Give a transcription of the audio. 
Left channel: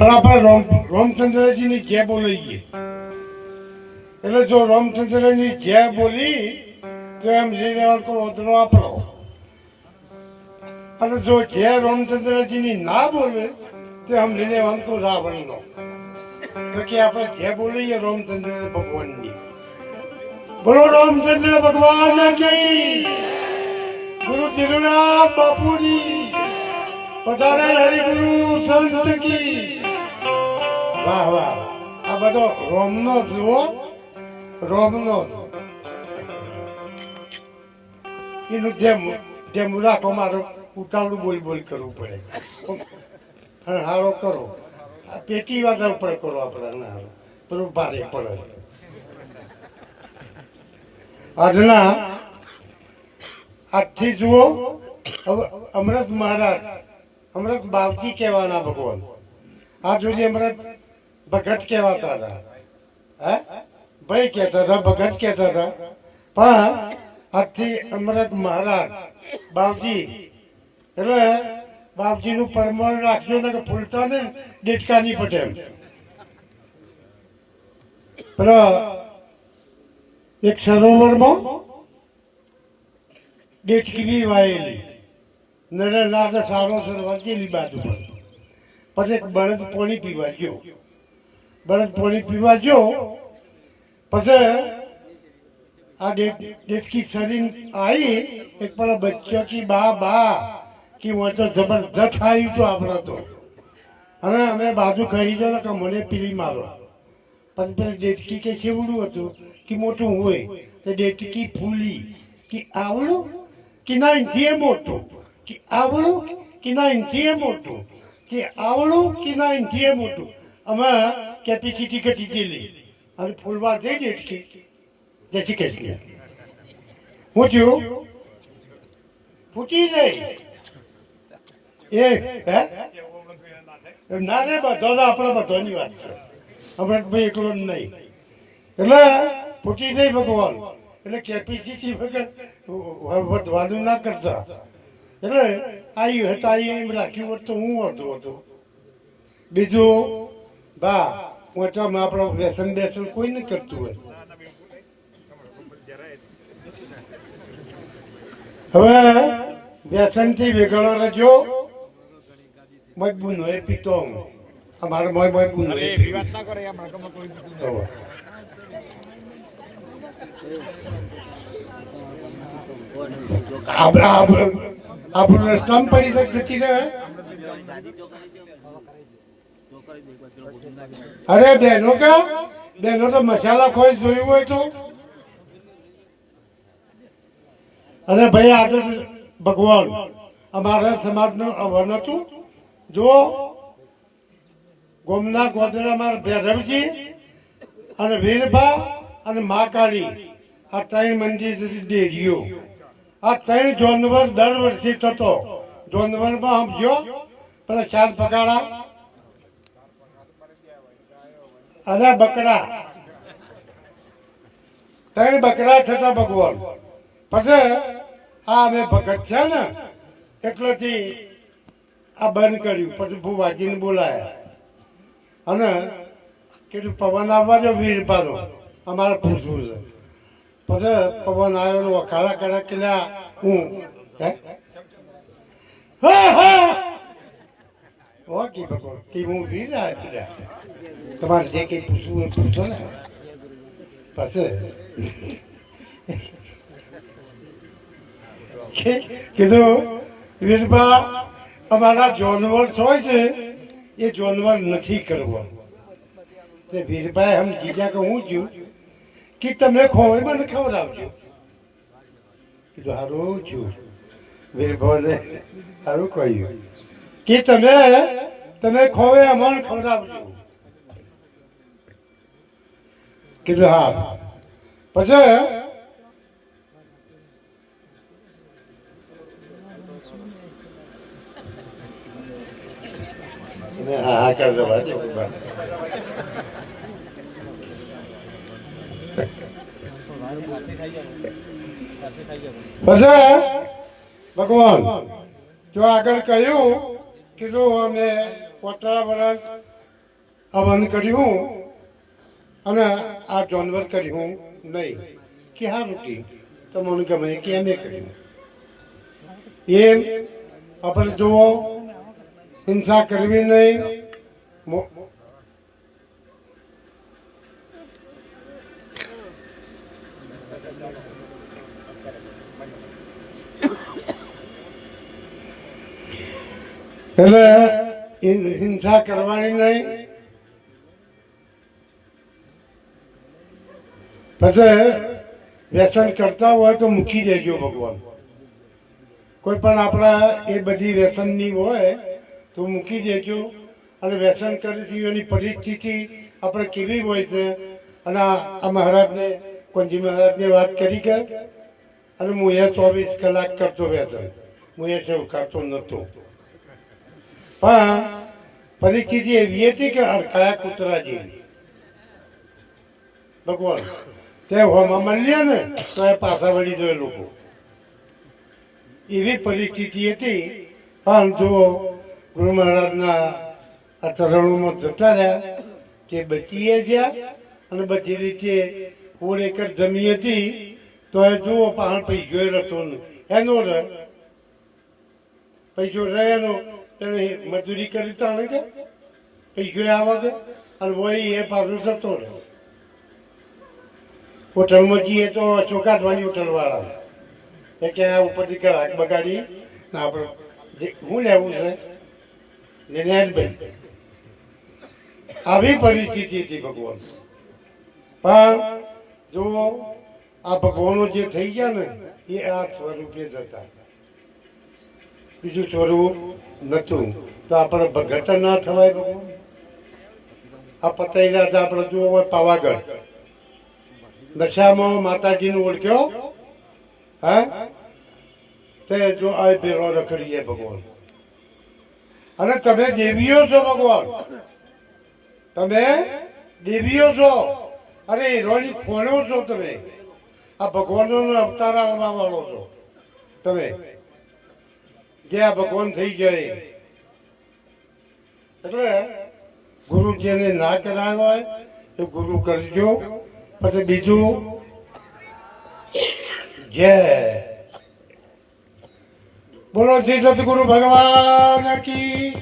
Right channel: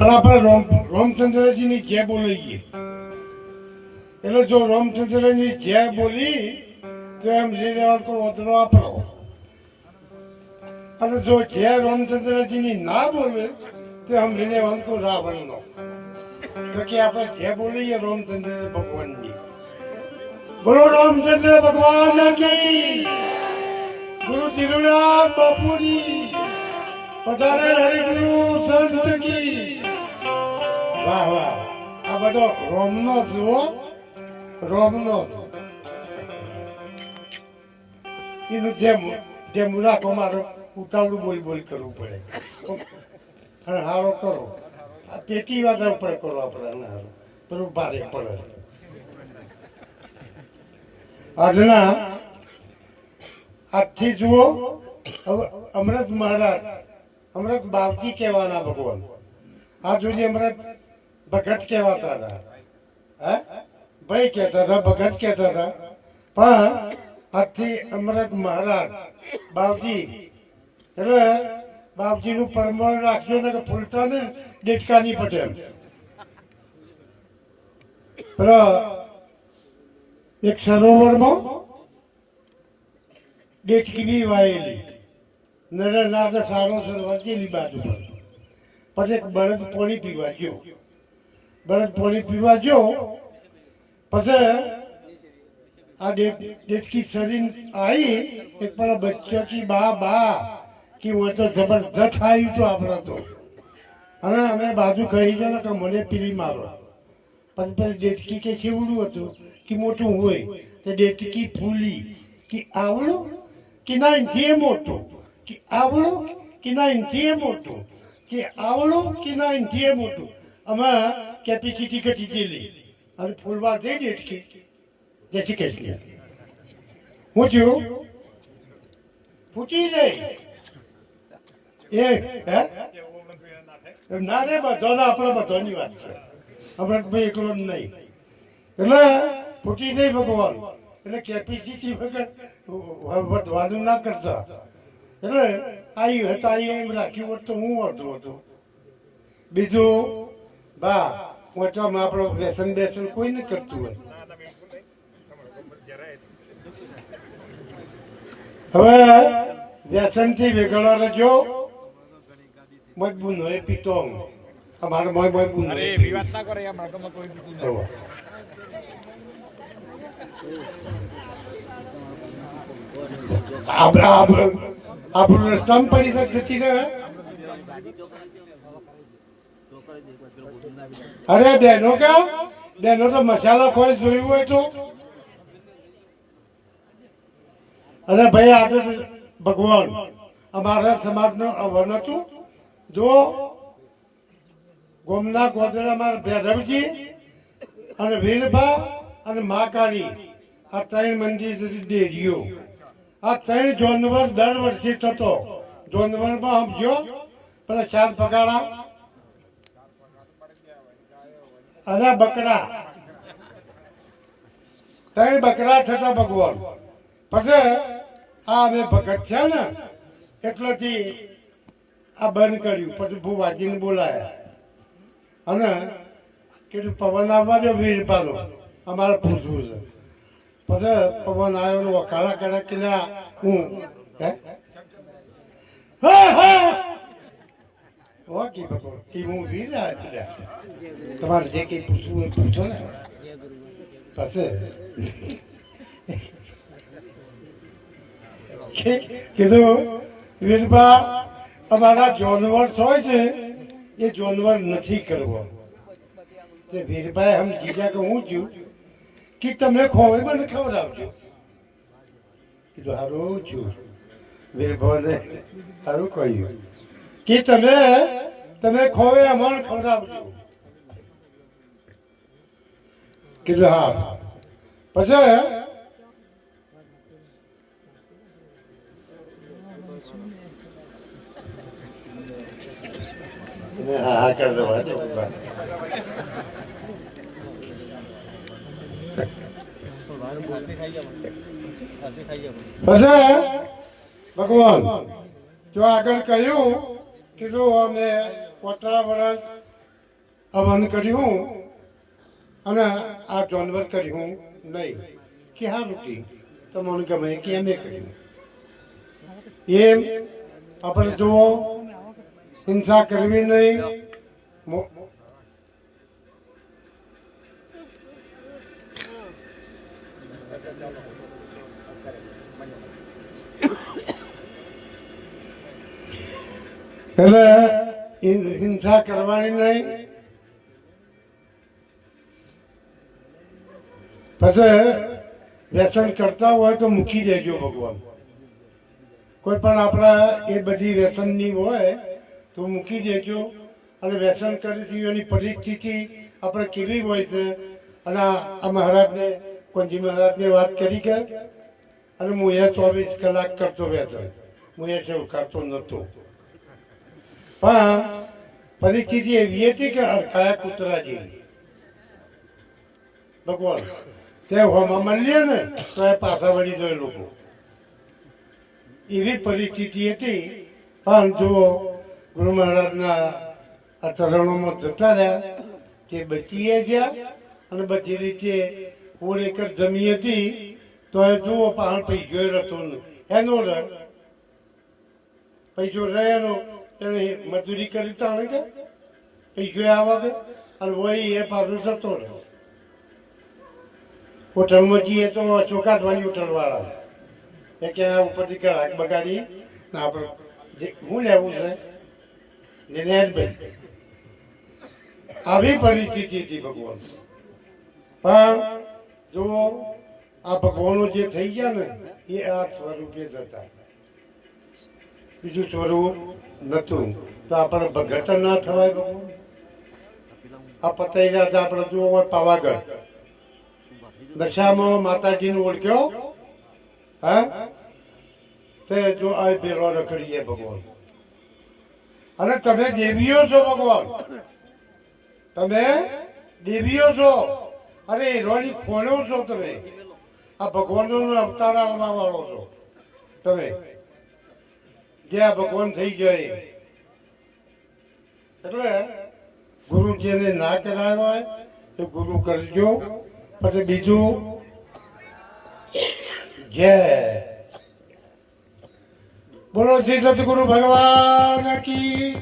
પણ આપણે રામ, રામચંદ્રજીની જય બોલાઈએ એટલે જો રામચંદ્રની જે બોલી, તો એમ જઈને ઓતરો આપણો. અને જો જે રામચંદ્રજીની ના બોલે, તો એમ લઈને આવતો રાવણનો. તો કે આપણે જે બોલીએ રામચંદ્ર ભગવાનની. બોલો, રામચંદ્ર ભગવાન કઈ ગુરુ તિરુનામ બાપુની પધારે હરિગુરુ સંત કી બધો રોમનો જુઓ, રોમનો એનું જેમ જેમ રાખો, મારો ઉતાવળું બોલ બોલ કરવું પડે. પણ હારો કરો. પેટી વાત પણ કરો આપણે હારો. પેલું ભારે પડે. આજના આજથી જુઓ અમૃત મહારાજ અમૃત બાવજી કહેવાના ભગવાન. આ સુધી અમૃત ભગત કહેવાતા હતા. હે? ભાઈ કહેતા હતા, ભગત કહેતા હતા. પણ આજથી અમરત મહારાજ બાપજી, એટલે બાપજીનું પરમાણ રાખજો ને કે ફૂલતા ને ડેટકાની પટેલ. પેલા એક સરોવરમાં ડેટકી બી વાયેલી નરે સારો સરોવર જેલી બાજુ પછી એક બળદ પાણી પીવા ગયો. બળદ પોલી પીવા ગયો, પછી આ ડેટકી સરીન આવી એક પણ બચ્ચા કી બા બા કે હું તો જબરદસ્ત આવ્યું તો આપણે તો. અને અમે બાજુ કહી દો ને કે મને પીલી મારો. પછી પેલી ડેટકી કે છેવડું હતું, કે મોટું હોય, તો ડેટકી ફૂલી કે આવડું, કે ના ઇંચીએ મોટું, કે આવડું, કે ના ઇંચીએ મોટું, કે આવડું, કે ના ઇંચીએ મોટું. અમે કેપેસિટી ઘટી ગયેલી અને ફૂલવા જઈ ડેટકી જતી કહેતી હું થયું? ફૂટી જાય એ, હે? ના રે બધા આપણે બધાની વાત છે. હમણાં ભાઈ એકલો નહીં. એટલે ફૂટી જાય ભગવાન. એટલે કેપેસિટી વગર વધવાનું ના કરતા એટલે આવી હતા એમ રાખ્યું હોત તો હું હતો હતો બીજું બા વાંચવામાં આપણો વ્યસન બેસન કોઈ નહીં કરતું હોય. હવે વ્યસનથી વેગળો રજો મજબૂત હોય પીતો અમારે મોય મજબૂત અરે હોય પડી વાત ના અરે બહેનો કા? બહેનો તો મસાલા ખોઈ જોયું હોય તો? અરે ભાઈ આજે ભગવાન. અમારા સમાજનો હવન હતું. જો ગોમના ગોદરા મારા ભૈરવજી અને વીરબા અને મહાકાળી આ ત્રણ મંદિર ડેરીઓ આ ત્રણ જોનવર દર વર્ષે થતો. જોનવરમાં સમજ્યો? પણ ચાર પગાડા અને બકરા. ત્રણ બકરા થતા ભગવાન. પછી આ અમે ભગત છે ને એટલેથી આ બંધ કર્યું. પછી ભૂવાજીને બોલાયા. અને કીધું, પવન આવવા જો વીર પાડો. અમારે પૂછવું છે. પછી પવન આવ્યો વખાડા કર્યા કે હે? હા હા. ઓકે ભગવાન, કે હું વીર આવ્યો તમારે જે કંઈ પૂછવું એ પૂછો ને. પછી. કીધું વીરબા અમારા જોનવર્સ હોય છે, એ જોનવર નથી કરવો. તે વીરભાઈ હમ જીજા કે હું છું કે તમે ખોવે મને ખવડાવજો. કીધું સારું છું વીરભાઈને સારું કહ્યું. કે તમે તમે ખોવે અમને ખવડાવજો કીધું હા પછી હા હા કરી દેવા પછી ભગવાન જો આગળ કહ્યું કીધું, અમે પોતરા વર્ષ આ વન કર્યું અને આ જાનવર કર્યું નહીં. કે હા રૂટી તમને ગમે કે એમ કર્યું. એ આપણે જુઓ, હિંસા કરવી નહીં, મો- એટલે હિંસા કરવાની નહીં. પછી વ્યસન કરતા હોય તો મૂકી દેજો ભગવાન. કોઈ પણ આપણા એ બધી વ્યસનની હોય તો મૂકી દેજો. અને વ્યસન કરીશું એની પરિસ્થિતિ આપણે કેવી હોય છે? અને આ મહારાજને કોંજી મહારાજને વાત કરી કે? અને હું એ ચોવીસ કલાક કરતો વ્યસન હું એ સેવ કરતો નહોતો. પણ પરિસ્થિતિ એવી હતી કે હરખાયા કૂતરા જેવી ભગવાન, તે હોમાં મળીએ ને તો એ પાછા વળી જોઈએ લોકો. એવી પરિસ્થિતિ હતી. પણ જુઓ, ગુરુ મહારાજના આ ચરણોમાં જતા રહ્યા તે બચીએ ગયા અને બધી રીતે ફૂલ એકર જમી હતી, તો એ જુઓ પાણ પૈસો રહેતો નહીં. એનો રહે પૈસો રહે એનો મજૂરી કરી તાણે કે પૈસો આવે કે અને વહી એ પાછું જતો રહે હોટલમાં જઈએ તો ચોકાટવાની હોટલવાળા. એ કે ઉપરથી ગ્રાહક બગાડી. ના આપણે જે હું લેવું છે? નિર્ણયભાઈ આવી પરિસ્થિતિ હતી ભગવાન પણ જુઓ, આ ભગવાનો જે થઈ ગયા ને, એ આ સ્વરૂપે જ હતા બીજું સ્વરૂપ નહોતું. તો આપણે ભગત ના થવાય ભગવાન આ પતાઈ રહ્યા હતા આપણે જુઓ હોય પાવાગઢ. દશામાં માતાજીનું ઓળખ્યો? હા? તે જો આ ભેરો રખડીએ ભગવાન. અને તમે દેવીઓ છો ભગવાન. તમે દેવીઓ છો. અરે હીરોની ખોણો છો તમે. આ ભગવાનનો અવતાર આવવા વાળો છો. તમે આ ભગવાન થઈ જાય એટલે ગુરુ જેને ના કરાયો હોય તો ગુરુ કરજો. પછી બીજું જય બોલો શ્રી સદગુરુ ભગવાન કી